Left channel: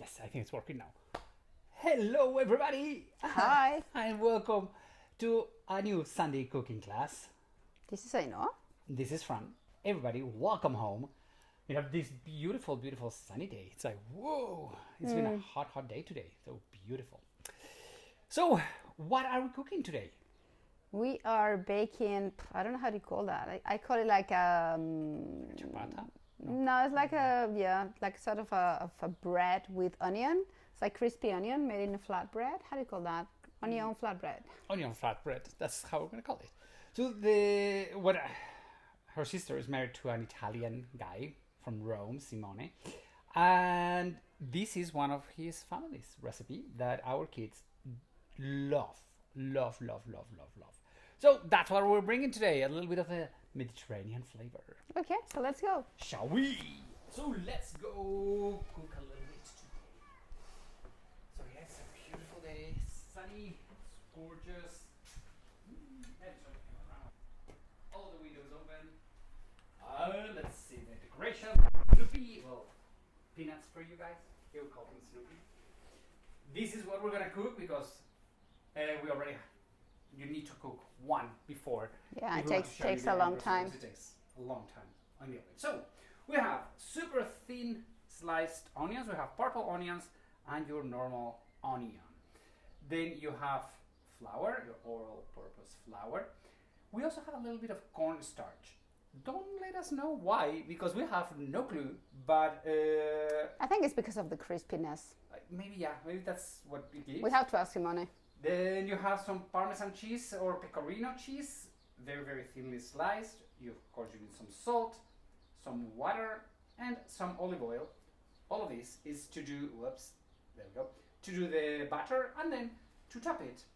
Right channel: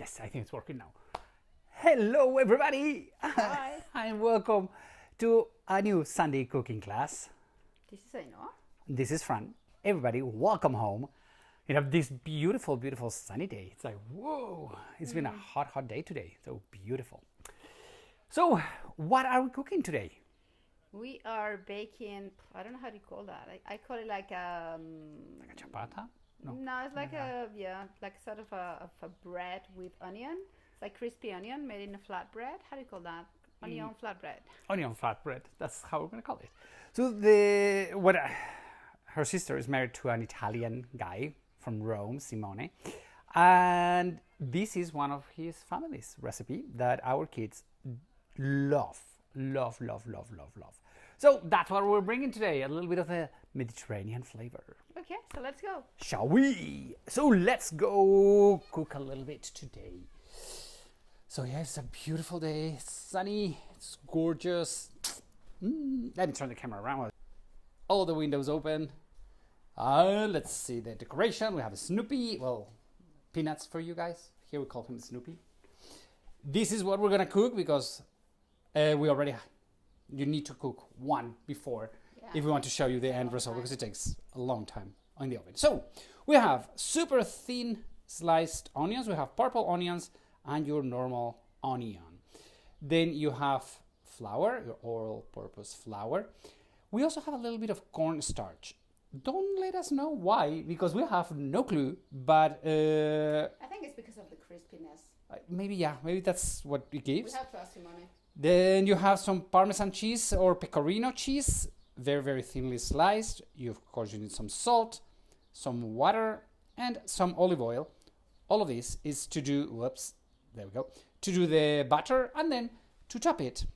Yes, I think it's working now. Hello, everybody. Hi. And welcome to a new Sunday cooking class. This is Aino. This is Fran. Everybody, welcome home. You know, this beautiful, beautiful sunny day. It's like, whoa, it's been a hot, hot day today. So beautiful. So, what are we cooking today? We are baking, I don't know how to call that. I call it like a... Ciabatta? No, it's like like sort of a bread with onion. It's like crispy onion made in a flatbread. How do you call that? Onion flatbread. Onion flatbread. That's how we're going to call it. So, her sister is married to an Italian guy from Rome, Simone. And this is one of his family's recipe that our kids love. So that's what we're bringing today, a little bit of a Mediterranean flavor. Okay, so let's go. Shall we? So let's go cook a little bit today. So yeah, it's a beautiful day, it's sunny, it's gorgeous. Let me turn the camera around. All the windows open. Let's see the decoration. We have a Snoopy, well, peanuts for you guys. Here we call him Snoopy. This is what we're gonna cook because you need to cook one before if you want to show you the end result because it takes a long time in the oven. So we have super thin sliced onions, we have purple onions and your normal onion. Then you have flour, your all-purpose flour. We also have a little bit of cornstarch. Don't let us know why, because we have no clue, but... I think it's because of the crispiness. Maybe that's what it gives. We have to ask Simone. Then you have some Parmesan cheese or pecorino cheese, very, very thinly sliced. Of course, you need some salt, some water, and some olive oil. All of this is to do, to do the butter and then to chop it.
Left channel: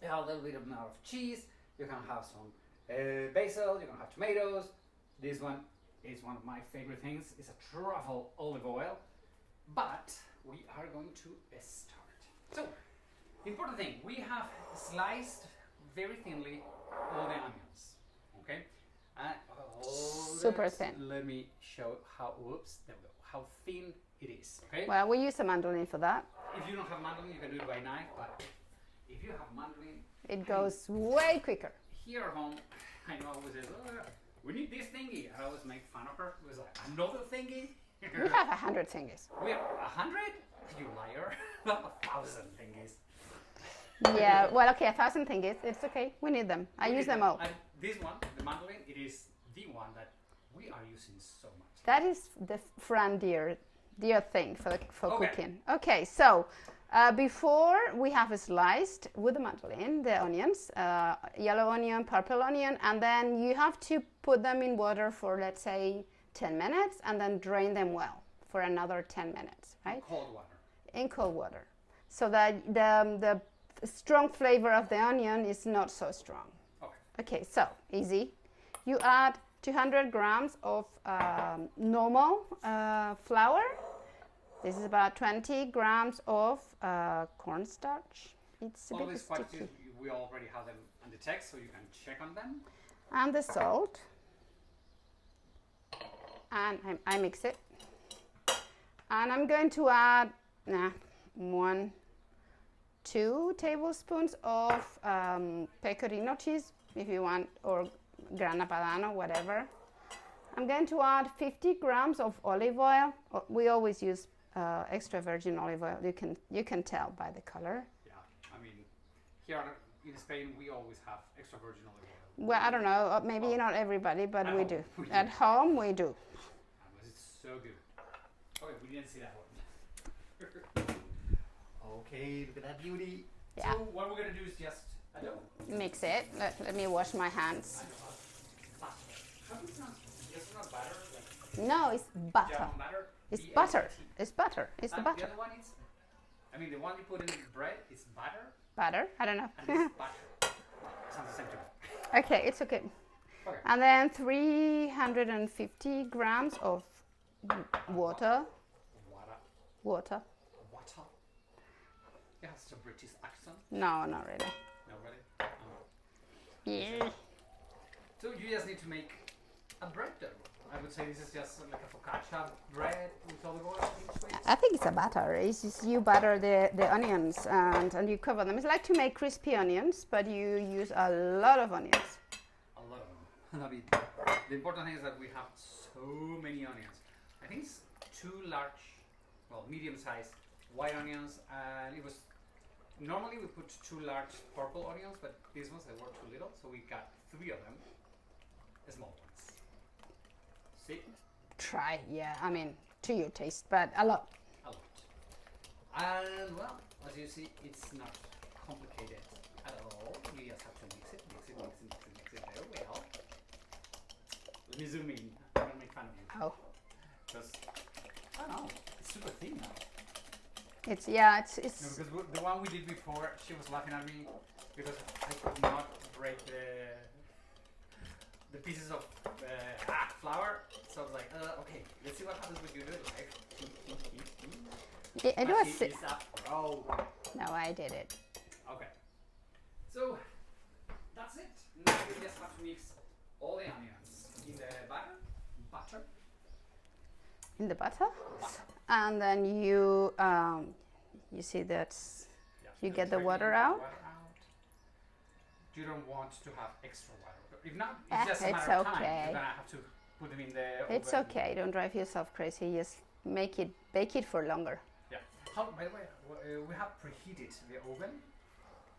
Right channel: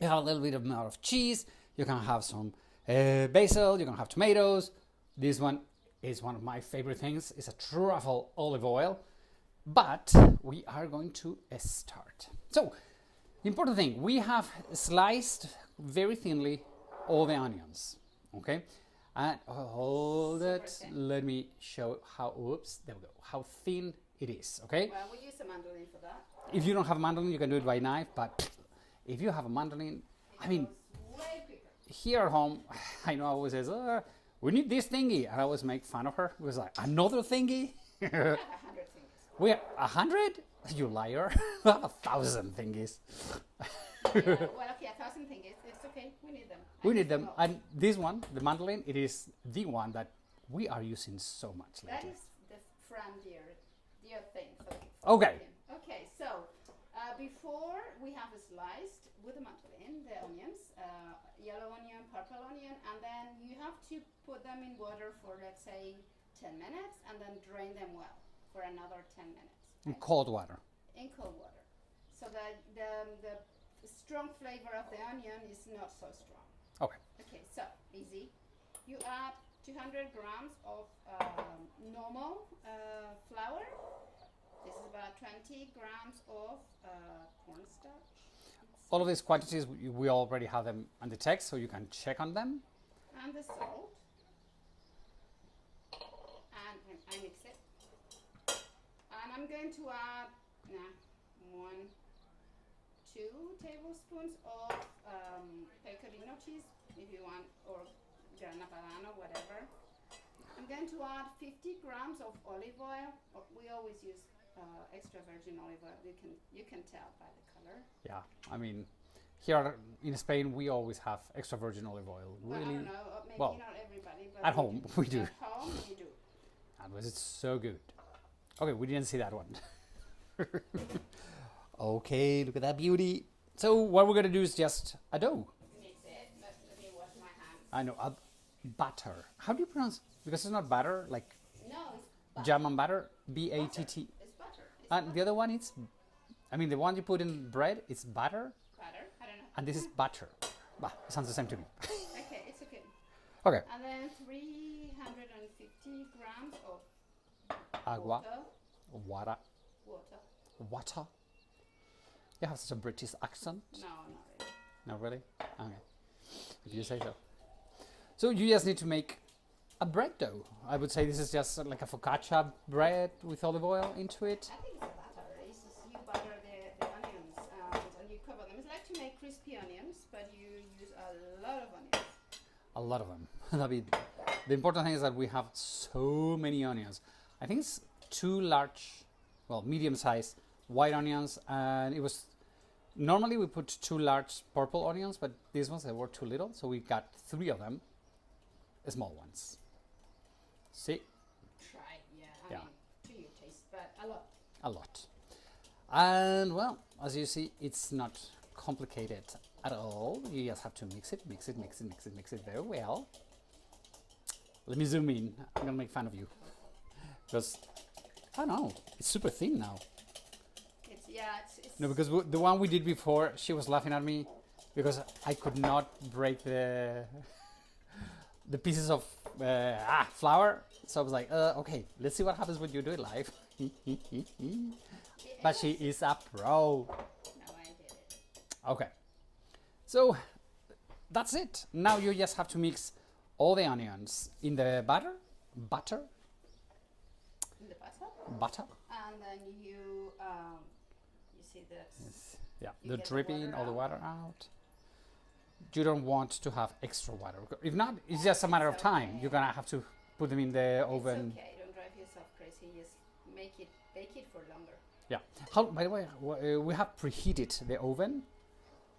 You have a little bit amount of cheese. You can have some basil, you can have tomatoes. This one is one of my favorite things. It's a truffle olive oil. But we are going to start. So, the important thing, we have sliced very thinly all the onions, okay? And super thin. Let me show how thin it is, okay? Well, we use a mandolin for that. If you don't have a mandolin, you can do it by knife, but if you have a mandolin, it goes way quicker. Here at home, I know I always says, we need this thingy. I always make fun of her. It was like, another thingy? We have 100 thingies. We have 100? You liar. 1,000 thingies. Yeah, well, okay, 1,000 thingies. It's okay. We need them. I use them all. And this one, the mandolin, it is the one that we are using so much. That is the Fran dear thing for cooking. Okay, so before we have sliced with the mandolin the onions, yellow onion, purple onion, and then you have to put them in water for, let's say, 10 minutes and then drain them well for another 10 minutes, right? In cold water. In cold water. So that the strong flavor of the onion is not so strong. Okay. Okay, so easy. You add 200 grams of normal flour. This is about 20 grams of cornstarch. All of these quantities, we already have them on the text, so you can check on them. And the salt. And I mix it. And I'm going to add 2 tablespoons of pecorino cheese, if you want, or grana padano, whatever. I'm going to add 50 grams of olive oil. We always use extra virgin olive oil. You can tell by the color. Yeah, I mean, here in Spain, we always have extra virgin olive oil. Well, I don't know, maybe not everybody, but we do. At home, we do. And was it so good? Okay, we didn't see that one. Okay, look at that beauty. Yeah. So what we're going to do is just a dough. Mix it. Let me wash my hands. I know, butter. How do you pronounce it? Because it's not butter, like... No, it's butter. German butter? It's butter. It's butter. It's and butter. The other one, the one you put in bread, it's butter? Butter? I don't know. And this is butter. Well, it sounds the same to me. Okay, it's okay. Okay. And then 350 grams of water. Water. You have such a British accent. No, not really. Not really? Yeah. So you just need to make a bread dough. I would say this is just like a focaccia bread with olive oil into it. I think it's a batter. It's just you butter the onions and you cover them. It's like to make crispy onions, but you use a lot of onions. A lot of them. I mean, the important thing is that we have so many onions. I think it's 2 large, well, medium-sized white onions, and it was normally we put 2 large purple onions, but these ones they were too little, so we got 3 of them, small ones. See? Try, yeah. I mean, to your taste, but a lot. A lot. And well, as you see, it's not complicated at all. You just have to mix it very well. Let me zoom in. I'm gonna make fun of you. Oh. Because, I don't know, it's super thin now. It's No, because the one we did before, she was laughing at me because I could not break the pieces of flour. So I was like, okay, let's see what happens when you do it live. But she is a pro. No, I did it. Okay. So that's it. Now you just have to mix all the onions in the butter. In the butter? Butter. And then you see that you get the water out. You don't want to have extra water. If not, it's just a matter of time. You're gonna have to put them in the oven. It's okay. Don't drive yourself crazy. Just bake it for longer. Yeah. By the way, we have preheated the oven.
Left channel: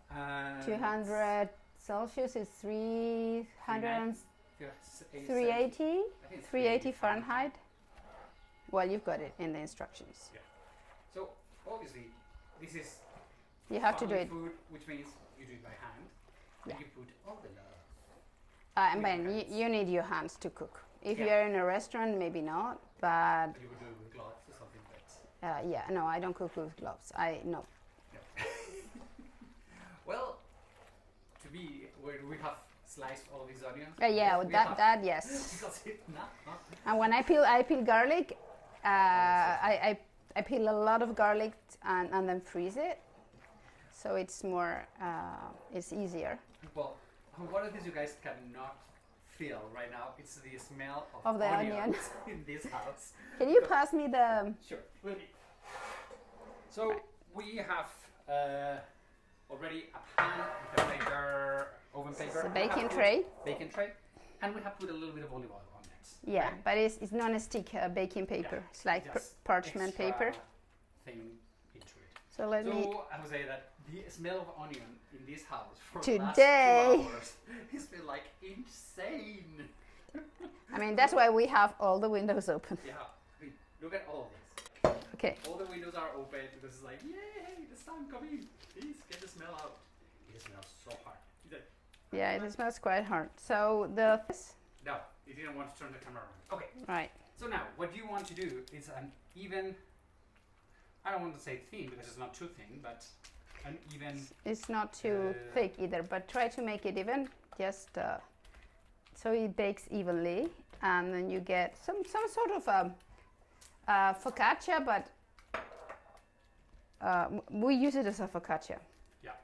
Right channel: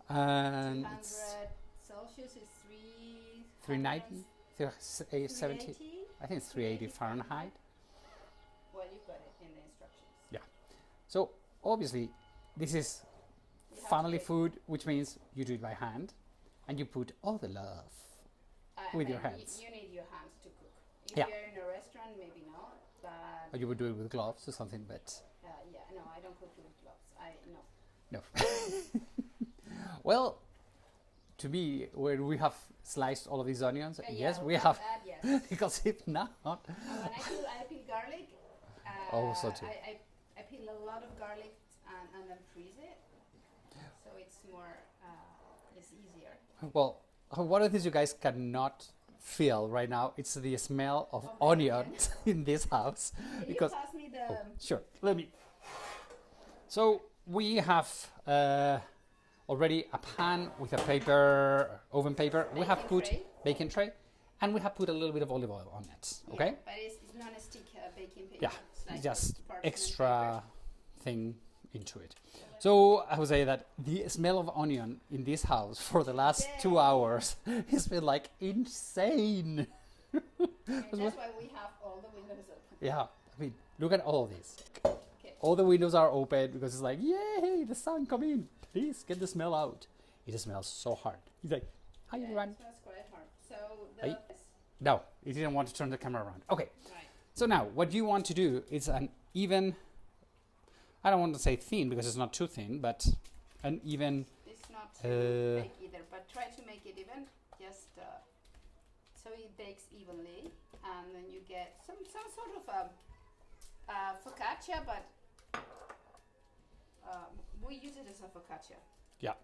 200 Celsius is 380. I think it's 380 Fahrenheit. Well, you've got it in the instructions. Yeah. So obviously, this is family food, which means you do it by hand, and you put all the love. I mean, you need your hands to cook. If you're in a restaurant, maybe not, but. Or you would do it with gloves or something, but. Yeah, no, I don't cook with gloves. No. Well, to me, where we have sliced all of these onions. Yes. Because if not. And when I peel garlic, I peel a lot of garlic and then freeze it, so it's more it's easier. Well, one of the things you guys cannot feel right now, it's the smell of onions in this house. Can you pass me the? Sure, let me. So we have already a pan with a oven paper. Baking tray. And we have put a little bit of olive oil on it. Yeah, okay? But it's non-stick baking paper. Yeah, it's like just parchment extra paper. Thing into it. So I would say that the smell of onion in this house for the last 2 hours has been like insane. I mean, that's why we have all the windows open. Yeah, I mean, look at all of this. Okay. All the windows are open because it's like, yay, the sun come in. Please get the smell out. It smells so hard. It's like, yeah, it smells quite hard. So no, you didn't want to turn the camera around. Okay. Right. So now, what you want to do is an even. I don't want to say thin because it's not too thin, but an even. It's not too thick either, but try to make it even. Just so it bakes evenly, and then you get some sort of focaccia, but we use it as a focaccia. Yeah.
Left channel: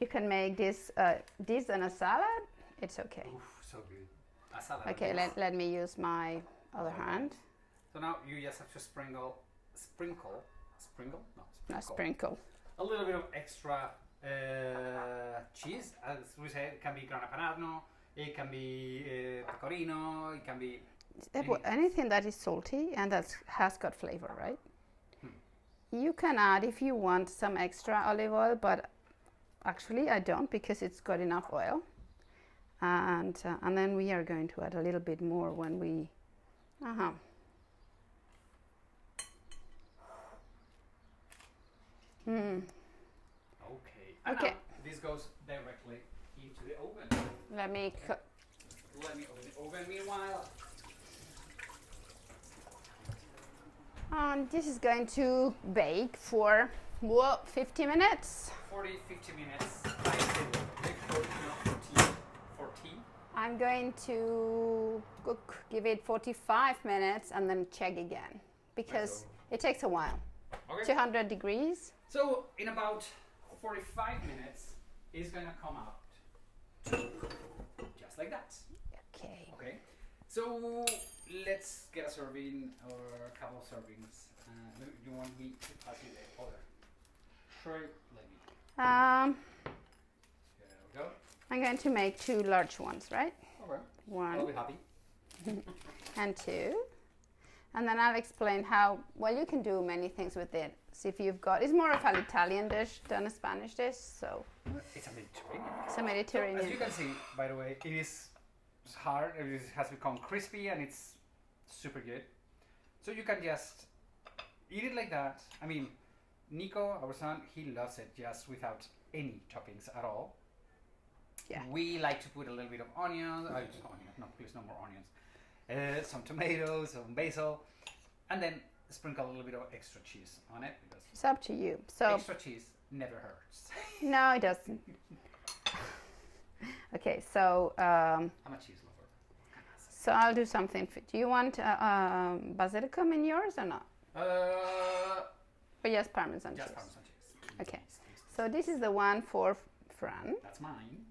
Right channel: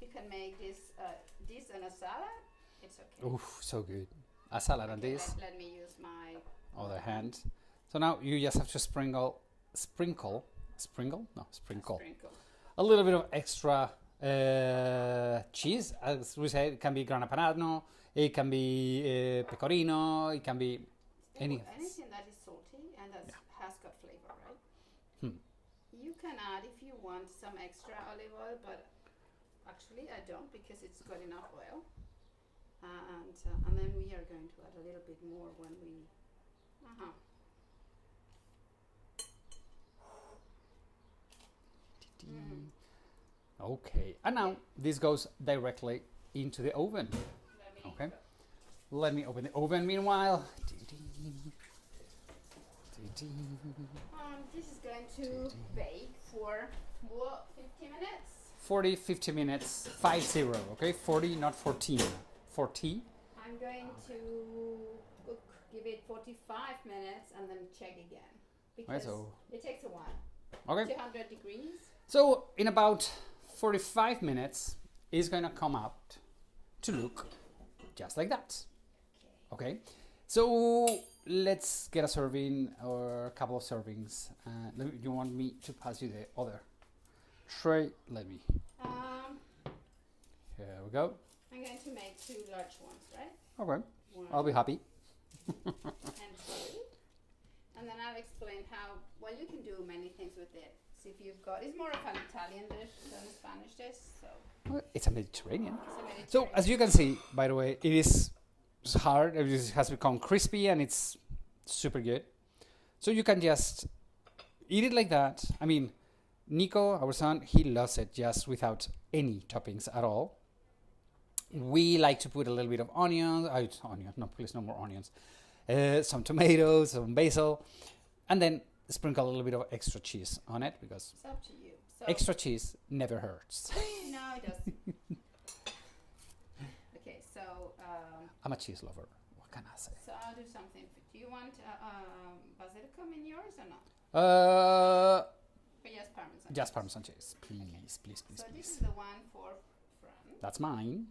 You can make this on a salad. It's okay. Oof, so good. A salad. Okay, let me use my other hand. So now you just have to sprinkle a little bit of extra cheese. As we said, it can be grana padano, it can be pecorino, it can be anything that is salty and that has got flavor, right? You can add, if you want, some extra olive oil, but actually I don't, because it's got enough oil. And then we are going to add a little bit more when we. Okay, and now this goes directly into the oven. Let me open the oven meanwhile. This is going to bake for 50 minutes. 50 minutes, 50, okay? 40, not 14. 40. I'm going to give it 45 minutes and then check again, because it takes a while. Okay. 200 degrees. So in about 45 minutes, it's going to come out to look just like that. Okay, so let's get a serving or a couple of servings. You want me to pass you the other tray? Let me. Here we go. I'm going to make 2 large ones, right? Okay. 1 I'll be happy. and 2. And then I'll explain how, well, you can do many things with it. See if you've got, it's more of an Italian dish than a Spanish dish, so. It's a Mediterranean. It's a Mediterranean. So, as you can see, by the way, it is hard. It has become crispy and it's super good. So you can just eat it like that. I mean, Nico, our son, he loves it just without any toppings at all. Yeah. We like to put a little bit of onions. No, please, no more onions. Some tomatoes, some basil, and then sprinkle a little bit of extra cheese on it because it's up to you. So extra cheese never hurts. No, it doesn't. Okay, so I'm a cheese lover. What can I say? So I'll do something. Do you want basilicum in yours or not? But yes, Parmesan cheese. Just Parmesan cheese, please. Okay. Please. So this is the one for Fran. That's mine.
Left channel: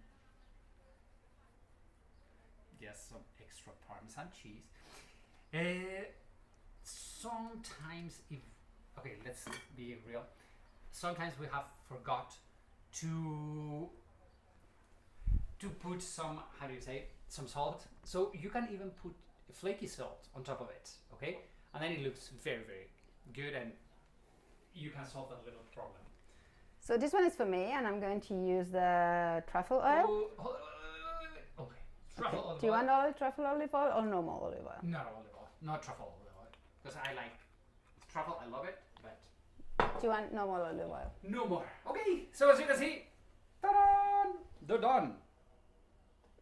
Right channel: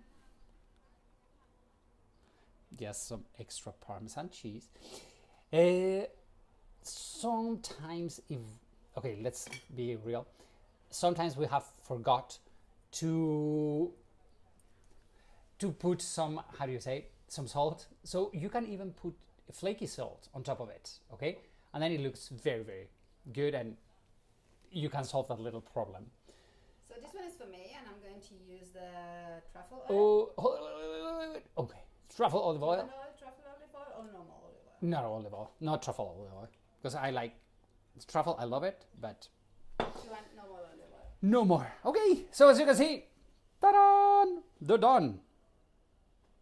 Just some extra Parmesan cheese. Sometimes let's be real. Sometimes we have forgot to put some, how do you say, some salt. So you can even put flaky salt on top of it, okay? And then it looks very, very good and you can solve that little problem. So this one is for me and I'm going to use the truffle oil. Wait. Okay. Truffle olive oil. Do you want truffle olive oil or normal olive oil? No olive oil. Not truffle olive oil. Because I like truffle, I love it, but... Do you want normal olive oil? No more. Okay, so as you can see, ta-da! They're done.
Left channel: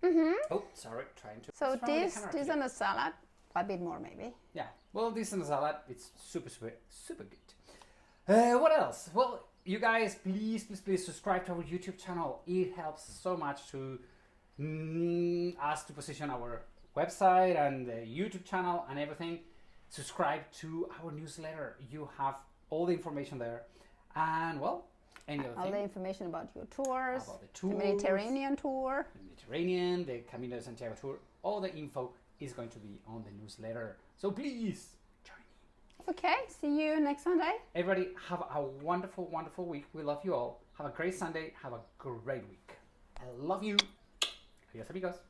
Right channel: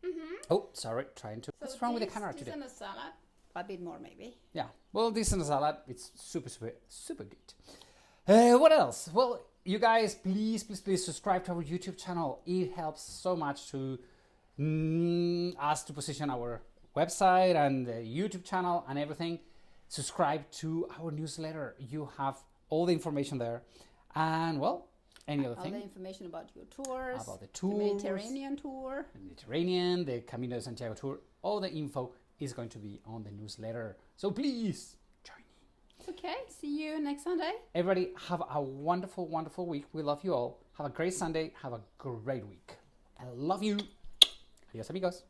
Mm-hmm. Oh, sorry, trying to... So this on a salad, a bit more maybe. Yeah, well, this on a salad, it's super, super, super good. What else? Well, you guys, please subscribe to our YouTube channel. It helps so much to us to position our website and the YouTube channel and everything. Subscribe to our newsletter. You have all the information there. And, well, any other thing? All the information about your tours. About the tours. The Mediterranean tour. The Mediterranean, the Camino de Santiago tour. All the info is going to be on the newsletter. So please, join me. Okay, see you next Sunday. Everybody, have a wonderful, wonderful week. We love you all. Have a great Sunday. Have a great week. I love you. Adios, amigos.